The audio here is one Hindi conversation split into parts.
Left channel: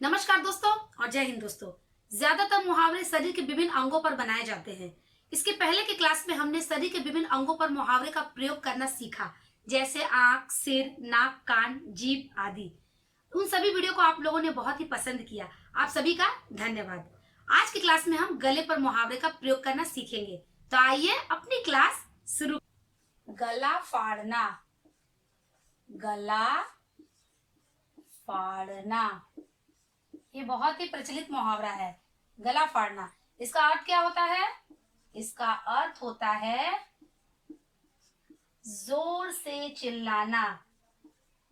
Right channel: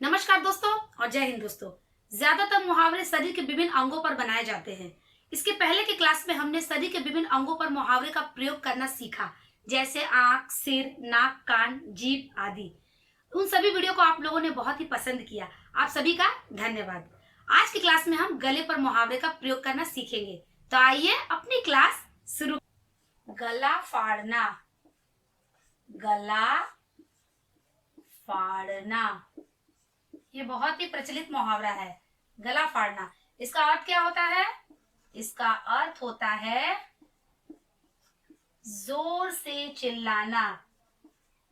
नमस्कार दोस्तों और जय हिंद दोस्तों। ज्यादातर मुहावरे शरीर के विभिन्न अंगों पर बनाए जाते हैं। इसके पहले की क्लास में हमने शरीर के विभिन्न अंगों पर मुहावरे का प्रयोग करना सीखा, जैसे आंख, सिर, नाक, कान, जीभ आदि। उन सभी वीडियो को आप लोगों ने बहुत ही पसंद किया। आप सभी का धन्यवाद। आज की क्लास में हम गले पर मुहावरे का प्रयोग करना सीखेंगे। तो आइए अपनी क्लास शुरू। गला फाड़ना, गला फाड़ना, ये बहुत ही प्रचलित मुहावरा है। गला फाड़ना, इसका अर्थ क्या होता है? इसका अर्थ होता है जोर से चिल्लाना,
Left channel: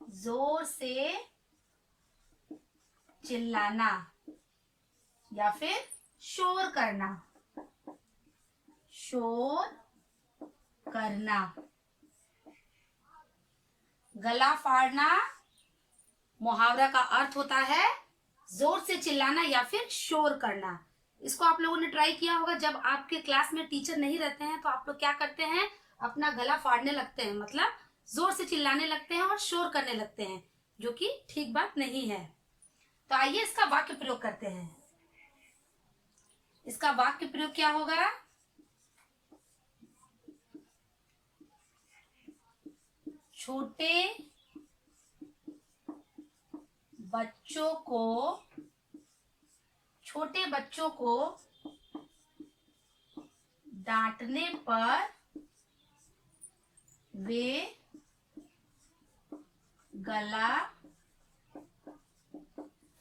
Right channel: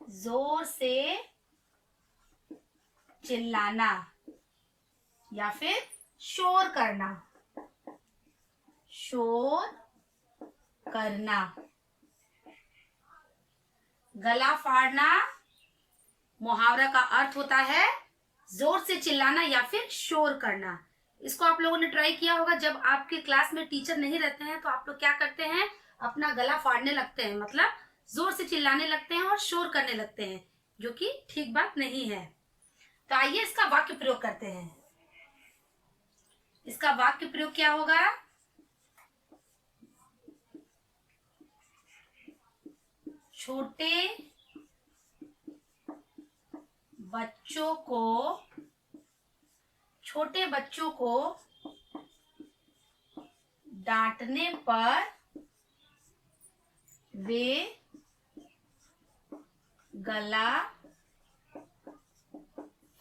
जोर से चिल्लाना या फिर शोर करना, शोर करना। गला फाड़ना मुहावरा का अर्थ होता है जोर से चिल्लाना या फिर शोर करना। इसको आप लोगों ने ट्राई किया होगा। जब आपके क्लास में टीचर नहीं रहते हैं तो आप लोग क्या करते हैं? अपना गला फाड़ने लगते हैं, मतलब जोर से चिल्लाने लगते हैं और शोर करने लगते हैं, जो कि ठीक बात नहीं है। तो आइए इसका वाक्य प्रयोग करते हैं। इसका वाक्य प्रयोग क्या होगा? छोटे बच्चों को डांटने पर वे गला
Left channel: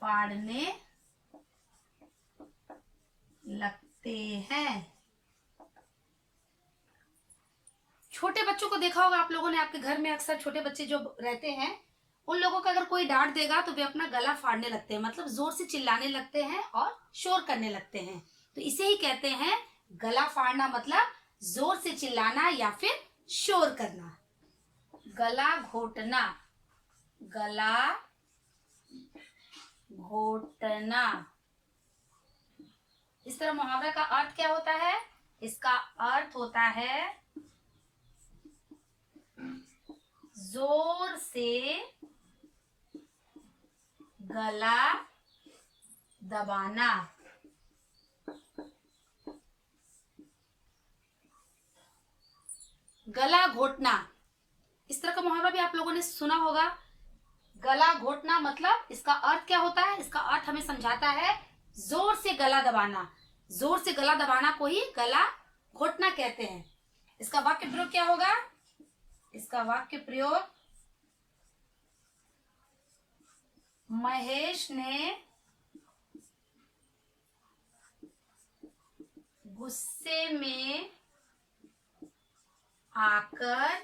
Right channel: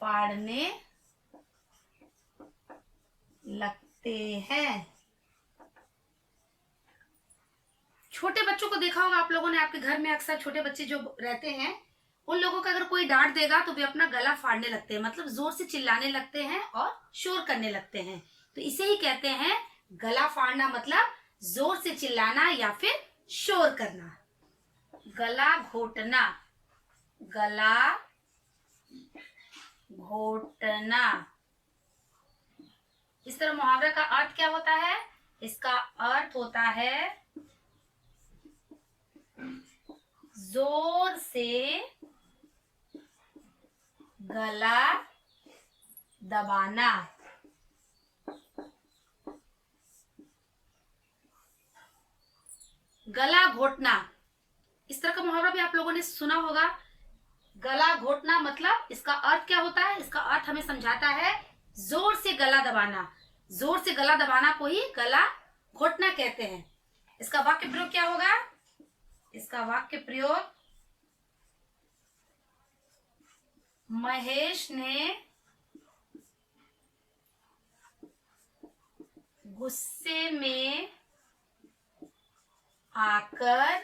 फाड़ने लगते हैं। छोटे बच्चों को देखा होगा आप लोगों ने, आपके घर में अक्सर छोटे बच्चे जो रहते हैं, उन लोगों का अगर कोई डांट देगा तो वे अपना गला फाड़ने लगते हैं, मतलब जोर से चिल्लाने लगते हैं और शोर करने लगते हैं। तो इसे ही कहते हैं गला फाड़ना, मतलब जोर से चिल्लाना या फिर शोर करना। गला घोटना, गला घोटना, इस तरह मुहावरे का अर्थ क्या होता है? इसका अर्थ होता है जोर से गला दबाना। गला घोटना, इस तरह का मुहावरा भी आप लोगों ने सुना होगा। गला घोटना मतलब इसका अर्थ क्या होता है? इसका अर्थ हमें समझाता है जोर से गला दबाना। जोर से गला दबाना को ही गला घोटना कहते हैं। इसका वाक्य प्रयोग क्या होगा? इसका वाक्य प्रयोग, महेश ने गुस्से में आकर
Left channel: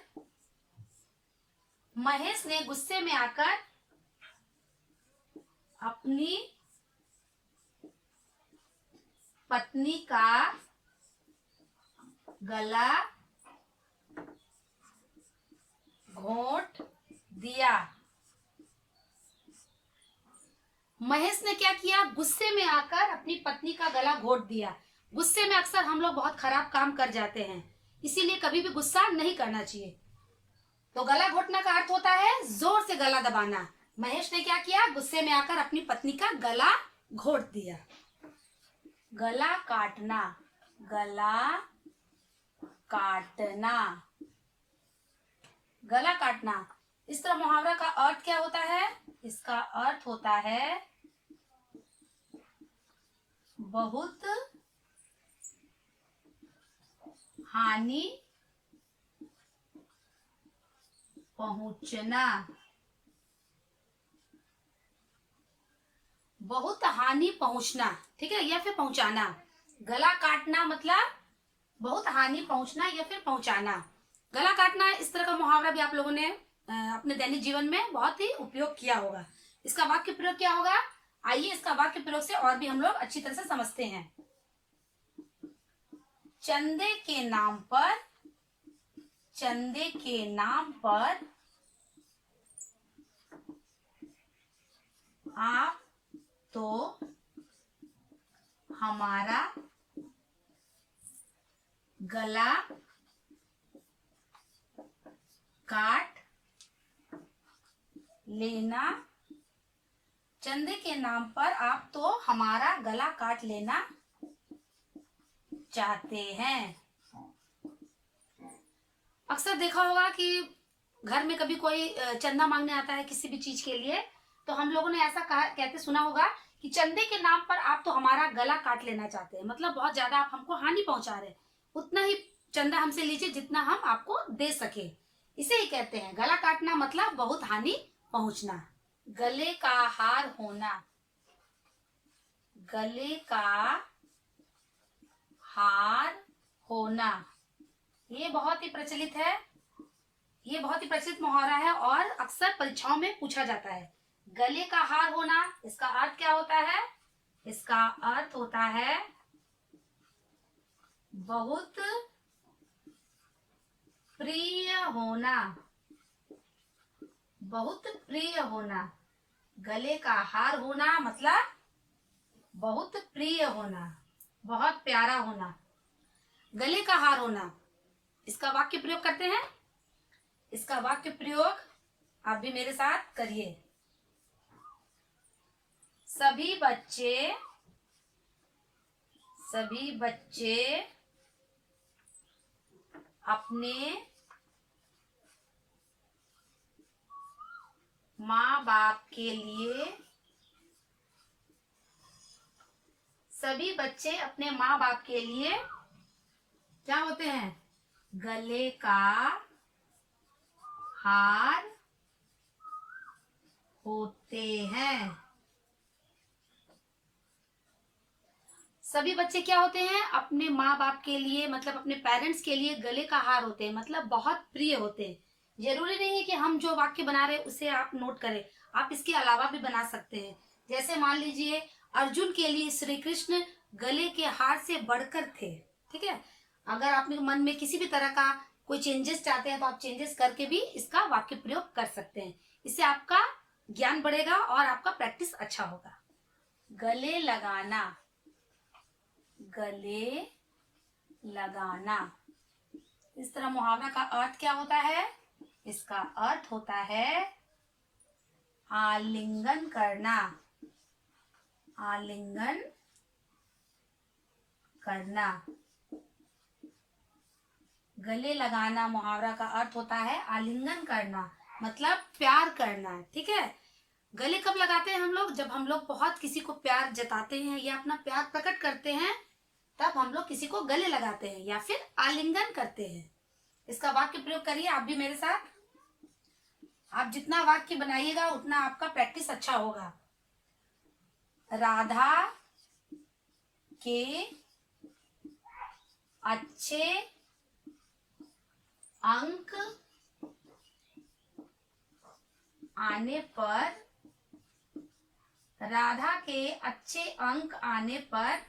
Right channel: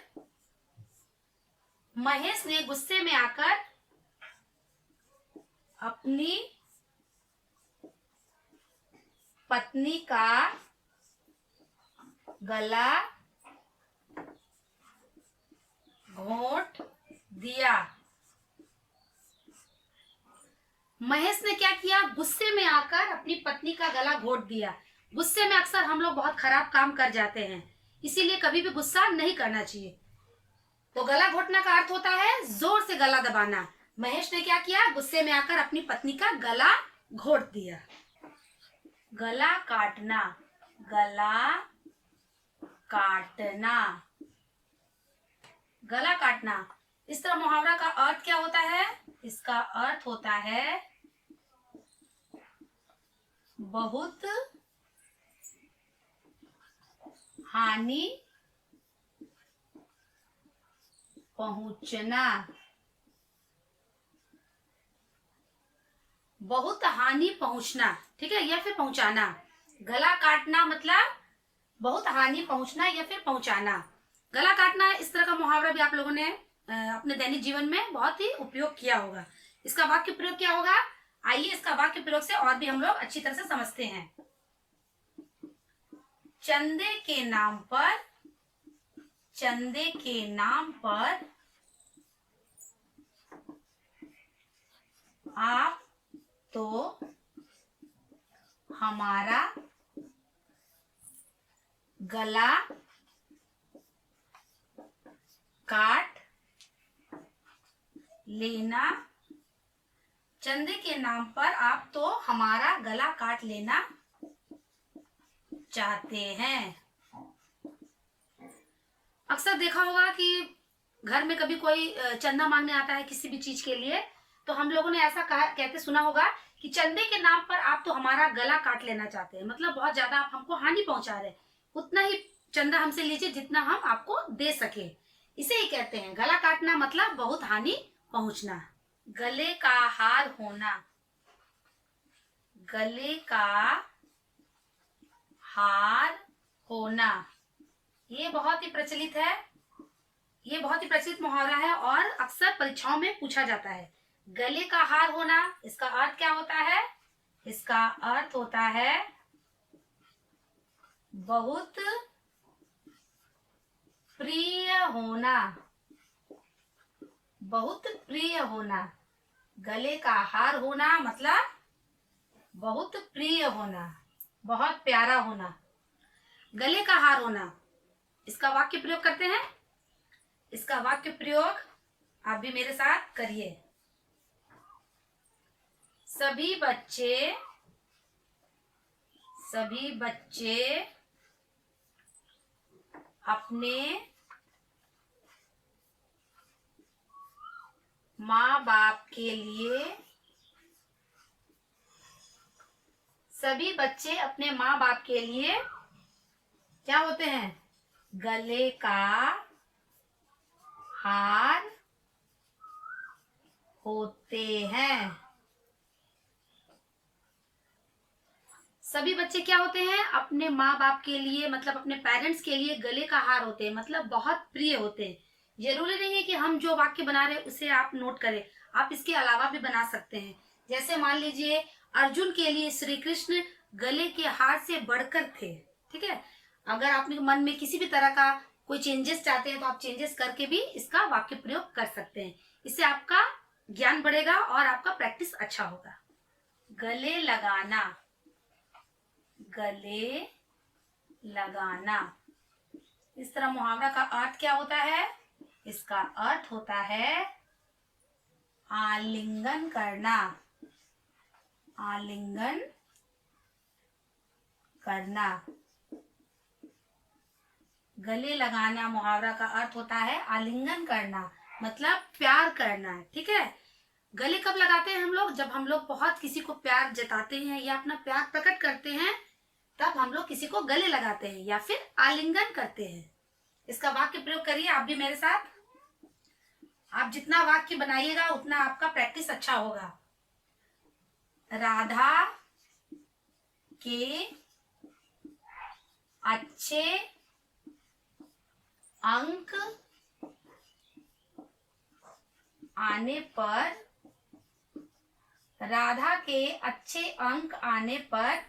अपनी पत्नी का गला घोंट दिया। महेश ने क्या किया? गुस्से में आकर अपनी पत्नी का गला घोंट दिया। गुस्से में अक्सर हम लोग बहुत खराब काम कर जाते हैं, इसीलिए कभी भी गुस्सा नहीं करना चाहिए। तो गला घोटना का अर्थ होता है जोर से गला दबाना। महेश ने क्या किया? गुस्से में आकर अपनी पत्नी का गला घोट दिया। गला काटना, गला काटना, गला काटना, इस तरह मुहावरा का अर्थ क्या होता है? इसका अर्थ होता है बहुत हानि पहुंचना, बहुत हानि पहुंचना, ठीक है, या फिर पहुंचाना। गला काटना मतलब बहुत हानि पहुंचना या फिर पहुंचाना। गला काटना, इस तरह का मुहावरा भी आप लोगों ने अपने दैनिक जीवन में बहुत ही उपयोग किया होगा। इसका वाक्य प्रयोग क्या होगा? आइए इसका वाक्य प्रयोग से और भी हम लोग अच्छी तरह से समझते हैं। चंदे के नाम पर, चंदे के नाम पर आप तो हमारा गला काट लेना चंदे के नाम पर आप तो हमारा गला काट लेना चाहते हैं। अक्सर देखा होगा कि घर में कभी कोई चंदा मांगने आता है किसी भी चीज के लिए, तो हम लोगों ने ऐसा कहते सुना होगा कि चंदे के नाम पर आप तो हमारा गला काट लेना चाहते हैं, मतलब बहुत ज्यादा आप हमको हानि पहुंचा रहे हैं, उतना ही चंदा हमसे लीजिए जितना हम आपको दे सके। इसे ही कहते हैं गला काटना, मतलब बहुत हानि पहुंचना। गले का हार होना, गले का हार होना, ये बहुत ही प्रचलित है, ये बहुत ही प्रचलित मुहावरा है और अक्सर परीक्षाओं में पूछा जाता है। गले का हार होना, इसका अर्थ क्या होता है? इसका अर्थ होता है बहुत प्रिय होना, बहुत प्रिय होना। गले का हार होना मतलब बहुत प्रिय होना, बहुत प्यारा होना। गले का हार होना, इसका वाक्य प्रयोग करते हैं। इसका वाक्य प्रयोग आप भी मेरे साथ करिए। सभी बच्चे अपने माँ बाप के लिए, सभी बच्चे अपने माँ बाप के लिए क्या होते हैं? गले का हार होते हैं। सभी बच्चे क्या होते हैं? अपने माँ बाप के लिए, मतलब अपने पेरेंट्स के लिए गले का हार होते हैं, मतलब बहुत प्रिय होते हैं। जरूरी नहीं है कि हम जो वाक्य बना रहे हैं उसे आप नोट करें, आप इसके अलावा भी बना सकते हैं। जैसे मान लीजिए अर्जुन के लिए श्री कृष्ण गले के हार से बढ़कर थे, ठीक है। अगर आपने मन में किसी भी तरह का कोई चेंजेस चाहते हैं तो आप चेंजेस करके भी इसका वाक्य प्रयोग कर सकते हैं। इससे आपका ज्ञान बढ़ेगा और आपका प्रैक्टिस अच्छा होगा। गले लगाना, गले लगाना, इस तरह मुहावरा का अर्थ क्या होता है? इसका अर्थ होता है आलिंगन करना, आलिंगन करना। गले लगाना मुहावरा का अर्थ होता है आलिंगन करना, मतलब प्यार करना, ठीक है। गले कब लगाते हैं हम लोग? जब हम लोग बहुत किसी को प्यार जताते हैं या अपना प्यार प्रकट करते हैं, तब हम लोग किसी को गले लगाते हैं या फिर आलिंगन करते हैं। इसका वाक्य प्रयोग करिए आप भी मेरे साथ। आप जितना वाक्य बनाइएगा उतना आपका प्रैक्टिस अच्छा होगा। राधा के अच्छे अंक आने पर, राधा के अच्छे अंक आने पर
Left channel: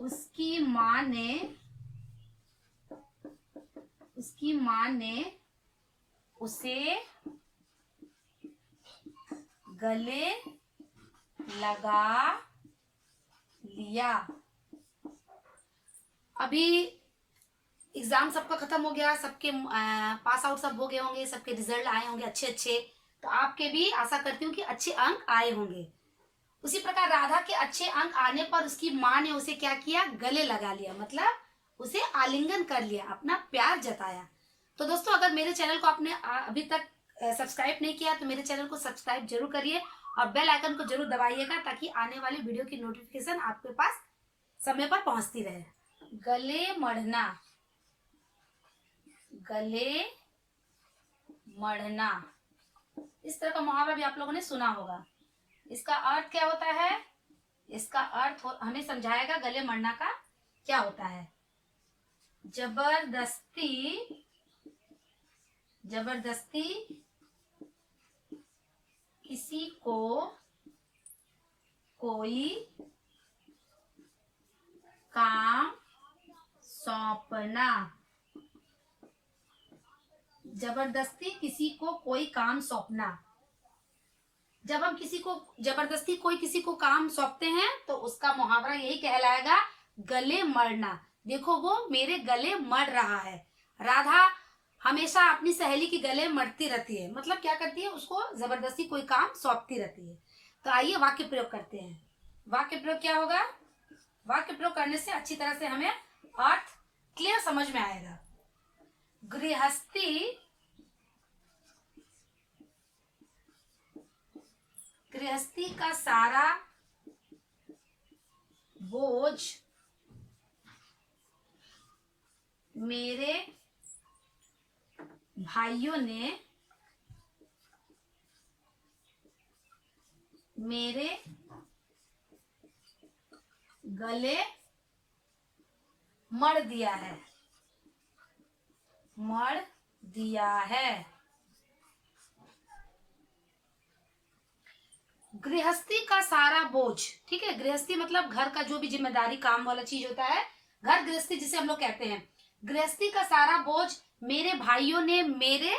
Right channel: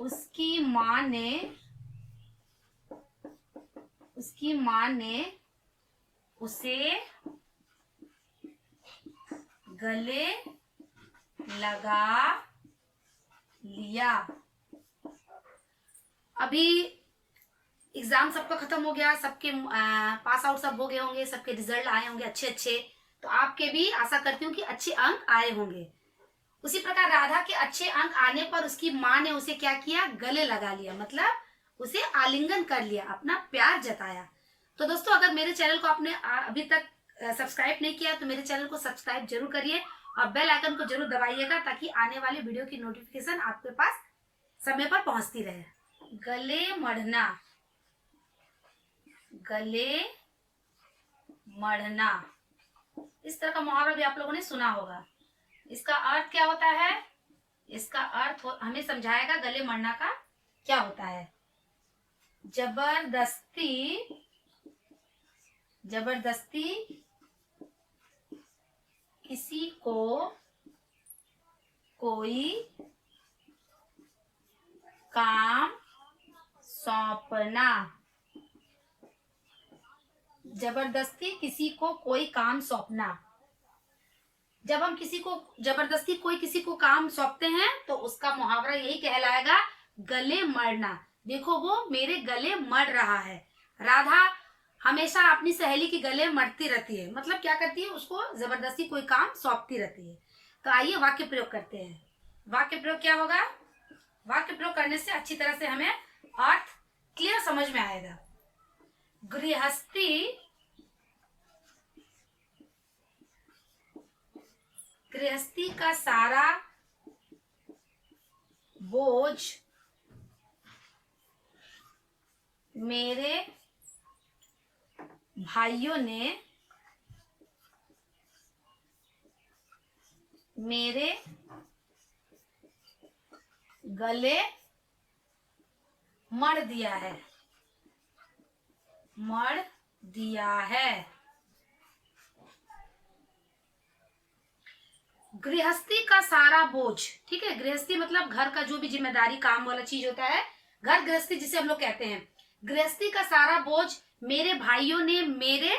उसकी माँ ने उसे गले लगा लिया। अभी एग्जाम सबका खत्म हो गया, सबके पास आउट सब हो गए होंगे, सबके रिजल्ट आए होंगे अच्छे अच्छे, तो आपके भी आशा करती हूँ कि अच्छे अंक आए होंगे। उसी प्रकार राधा के अच्छे अंक आने पर उसकी माँ ने उसे क्या किया? गले लगा लिया, मतलब उसे आलिंगन कर लिया, अपना प्यार जताया। तो दोस्तों, अगर मेरे चैनल को आपने अभी तक सब्सक्राइब नहीं किया तो मेरे चैनल को सब्सक्राइब जरूर करिए और बेल आइकन को जरूर दबाइएगा, ताकि आने वाली वीडियो की नोटिफिकेशन आपके पास समय पर पहुंचती रहे। गले मढ़ना, गले मढ़ना, इस तरह का मुहावरा भी आप लोगों ने सुना होगा। इसका अर्थ क्या होता है? इसका अर्थ हमें समझाएगा गले मढ़ना का क्या होता है। जबरदस्ती किसी को कोई काम सौंपना, जबरदस्ती किसी को कोई काम सौंपना। जब हम किसी को जबरदस्ती किसी को काम सौंपते हैं तो उसका मुहावरा यही कहलाएगा, गले मढ़ना। देखो वो मेरे गले मढ़ रहा है। राधा हमेशा अपनी सहेली के गले मढ़ती रहती है, मतलब क्या करती है? उसको जबरदस्ती कोई काम सौंपती रहती है। तो आइए वाक्य प्रयोग करते हैं। वाक्य प्रयोग क्या होगा? वाक्य प्रयोग करने से अच्छी तरह से हमें अर्थ क्लियर समझ में आएगा। गृहस्थी का सारा बोझ मेरे भाइयों ने मेरे गले मढ़ दिया है। गृहस्थी का सारा बोझ, ठीक है। गृहस्थी मतलब घर का जो भी जिम्मेदारी काम वाला चीज होता है, घर गृहस्थी जिसे हम लोग कहते हैं। गृहस्थी का सारा बोझ मेरे भाइयों ने मेरे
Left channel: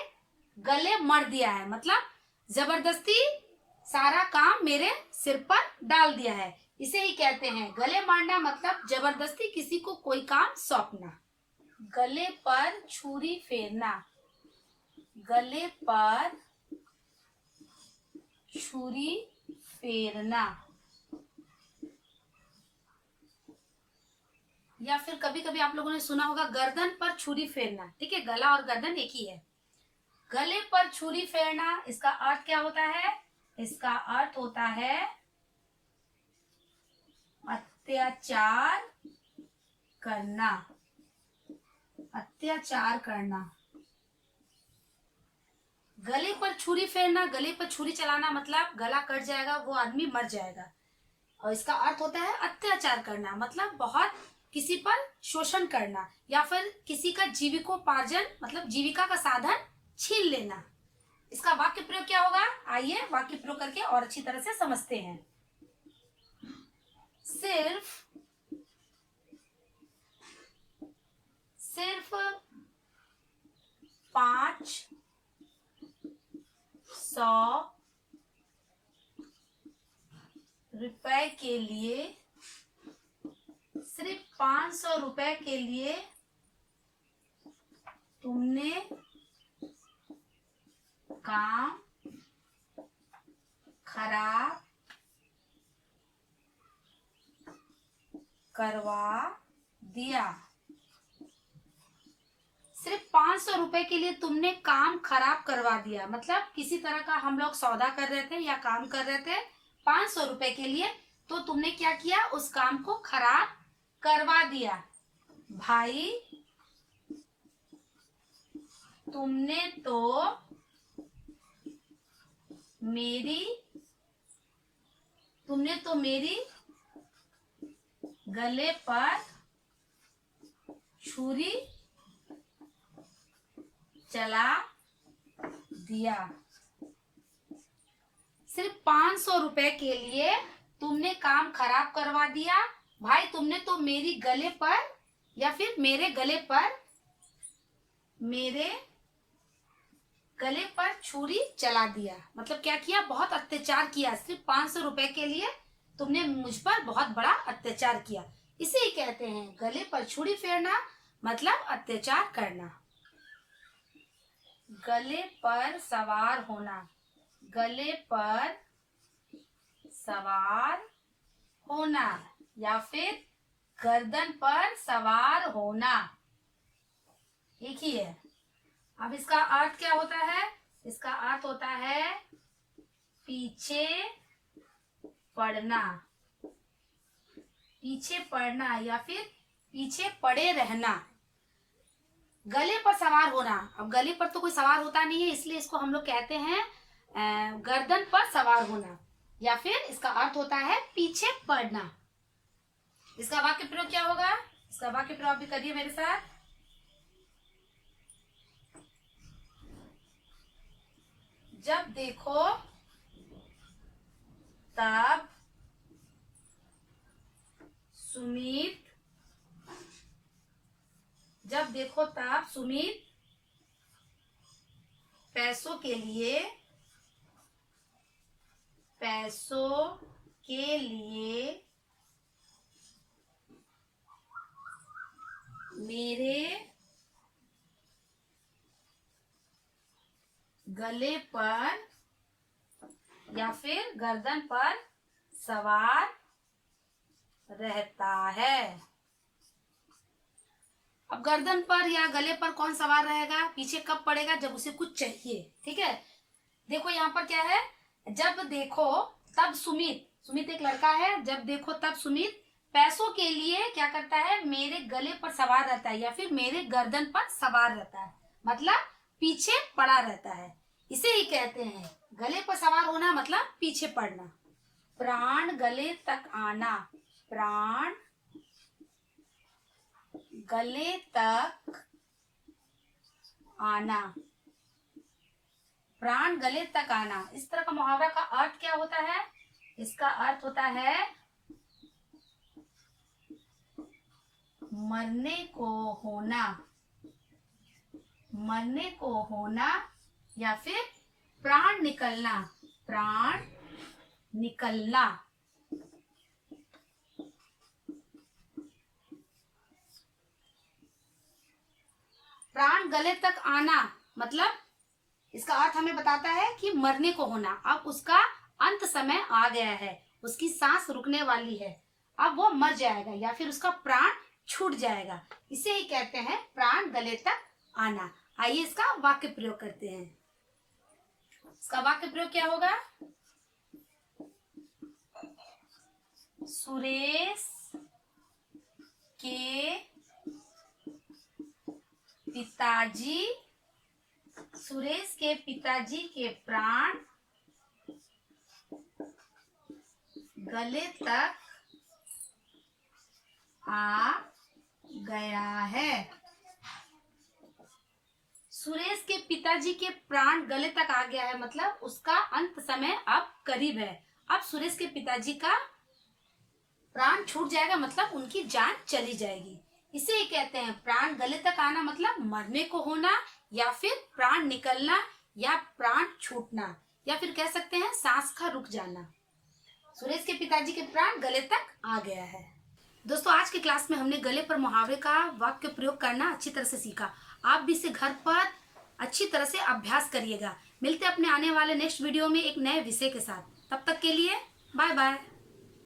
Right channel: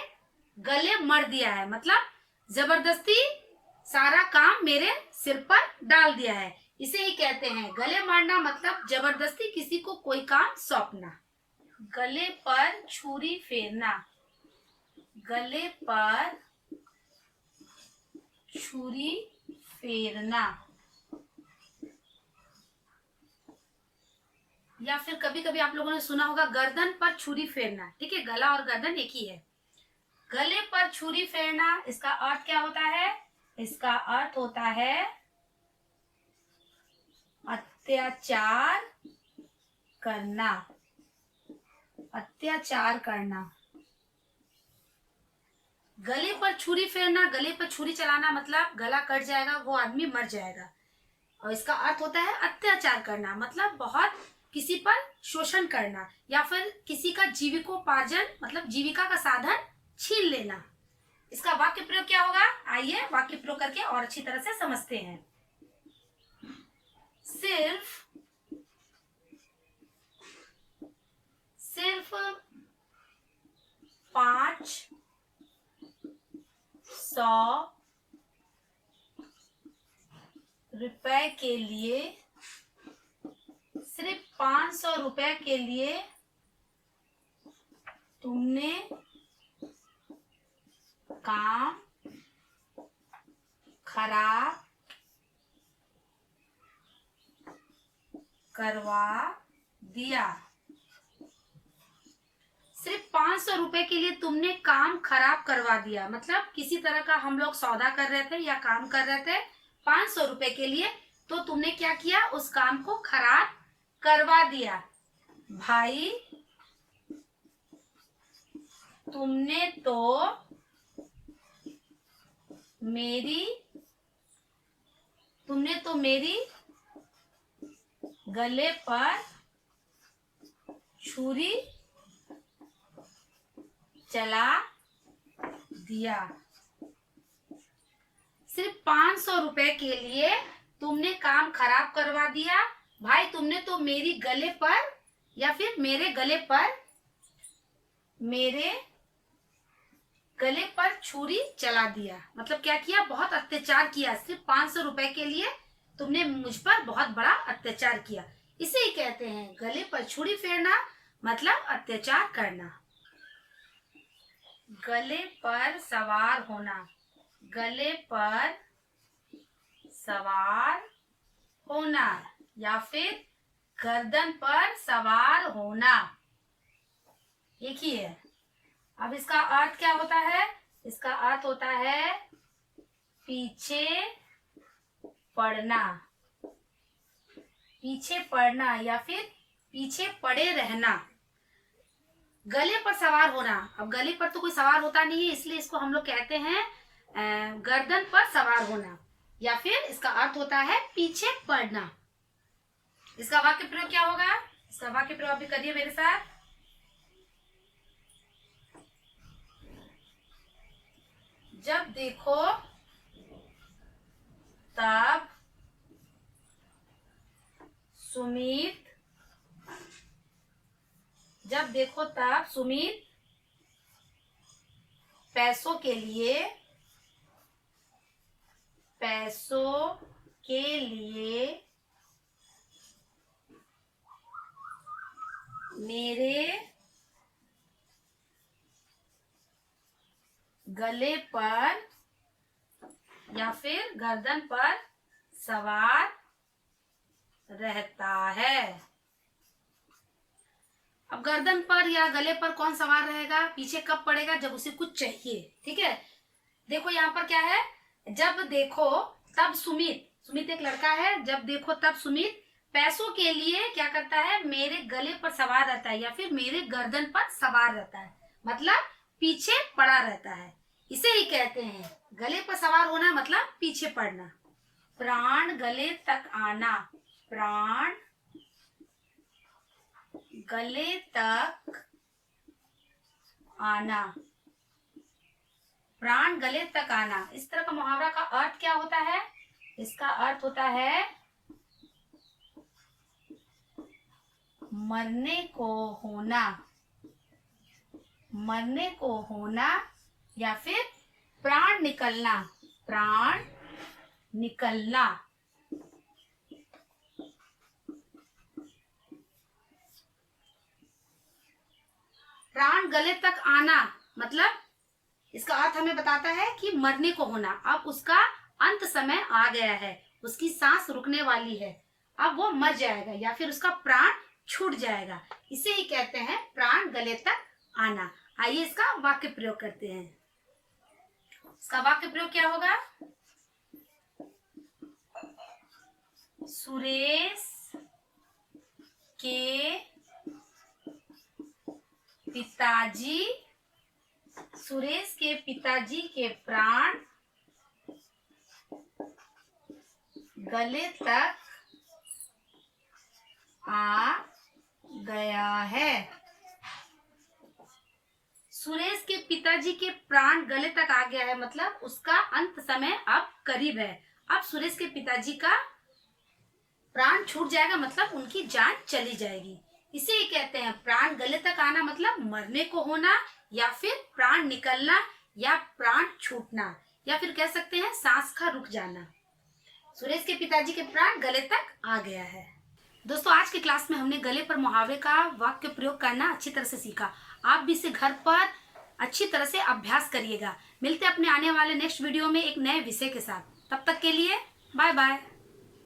गले मढ़ दिया है, मतलब जबरदस्ती सारा काम मेरे सिर पर डाल दिया है। इसे ही कहते हैं गले मारना, मतलब जबरदस्ती किसी को कोई काम सौंपना। गले पर छुरी फेरना, गले पर छुरी फेरना। या फिर कभी कभी आप लोगों ने सुना होगा गर्दन पर छुरी फेरना, ठीक है। गला और गर्दन एक ही है। गले पर छुरी फेरना, इसका अर्थ क्या होता है? इसका अर्थ होता है अत्याचार करना। अत्याचार करना। गले पर छुरी फेरना, गले पर छुरी चलाना मतलब गला कट जाएगा, वो आदमी मर जाएगा। और इसका अर्थ होता है अत्याचार करना, मतलब बहुत किसी पर शोषण करना या फिर किसी का जीविकोपार्जन मतलब जीविका का साधन छीन लेना। इसका वाक्य प्रयोग क्या होगा? आइए वाक्य प्रयोग करके और अच्छी तरह से समझते हैं। सिर्फ 500 रुपए के लिए, सिर्फ 500 रुपए के लिए तुमने काम खराब करवा दिया। सिर्फ 500 रुपए के लिए तुमने काम खराब करवा दिया, मतलब किसी तरह का हम लोग सौदा कर रहे थे या काम कर रहे थे 500 रुपए के लिए, तो तुमने क्या किया? उस काम को खराब करवा दिया। भाई तुमने तो मेरी गले पर छुरी चला दिया। सिर्फ 500 रुपए के लिए तुमने काम खराब करवा दिया। भाई तुमने तो मेरी गले पर या फिर मेरे गले पर छुरी चला दिया, मतलब क्या किया? बहुत अत्याचार किया। सिर्फ 500 रुपए के लिए तुमने मुझ पर बहुत बड़ा अत्याचार किया। इसे ही कहते हैं गले पर छुरी फेरना, मतलब अत्याचार करना। गले पर सवार होना, गले पर सवार होना या फिर गर्दन पर सवार होना, एक ही है। अब इसका अर्थ क्या होता है? इसका अर्थ होता है पीछे पड़ना। पीछे पड़ना या फिर पीछे पड़े रहना। गले पर सवार होना, अब गले पर तो कोई सवार होता नहीं है, इसलिए इसको हम लोग कहते हैं गर्दन पर सवार होना, या फिर इसका अर्थ होता है पीछे पड़ना। इसका वाक्य प्रयोग क्या होगा? इसका वाक्य प्रयोग भी करिए मेरे साथ। जब देखो तब सुमित पैसों के लिए मेरे गले पर या फिर गर्दन पर सवार रहता है। अब गर्दन पर या गले पर कौन सवार रहेगा, पीछे कब पड़ेगा, जब उसे कुछ चाहिए। ठीक है, देखो यहाँ पर क्या है, जब देखो तब सुमित, सुमित एक लड़का है, जब देखो तब सुमित पैसों के लिए क्या करता है, मेरे गले पर सवार रहता है या फिर मेरे गर्दन पर सवार रहता है, मतलब पीछे पड़ा रहता है। इसे ही कहते हैं गले पर सवार होना, मतलब पीछे पड़ना। प्राण गले तक आना, प्राण गले तक आना, प्राण गले तक आना। इस तरह का मुहावरा का अर्थ क्या होता है, इसका अर्थ होता है मरने को होना, मरने को होना या फिर प्राण निकलना, प्राण निकलना। प्राण गले तक आना मतलब इसका अर्थ हमें बताता है कि मरने को होना, अब उसका अंत समय आ गया है, उसकी सांस रुकने वाली है, अब वो मर जाएगा या फिर उसका प्राण छूट जाएगा। इसे ही कहते हैं प्राण गले तक आना। आइए इसका वाक्य प्रयोग करते हैं। इसका वाक्य प्रयोग क्या होगा, सुरेश के पिताजी, सुरेश के पिताजी के प्राण गले तक आ गया है। सुरेश के पिताजी के प्राण गले तक आ गया है मतलब उसका अंत समय अब करीब है, अब सुरेश के पिताजी का प्राण छूट जाएगा, मतलब उनकी जान चली जाएगी। इसे ही कहते हैं प्राण गले तक आना, मतलब मरने को होना या फिर प्राण निकलना या प्राण छूटना, या फिर कह सकते हैं सांस का रुक जाना। सुरेश के पिताजी के प्राण गले तक आ गया है। दोस्तों आज के क्लास में हमने गले पर मुहावरे का वाक्य प्रयोग करना अच्छी तरह से सीखा। आप भी इसे घर पर अच्छी तरह से अभ्यास करिएगा। मिलते अपने आने वाले नेक्स्ट वीडियो में एक नए विषय के साथ। तब तक के लिए बाय बाय।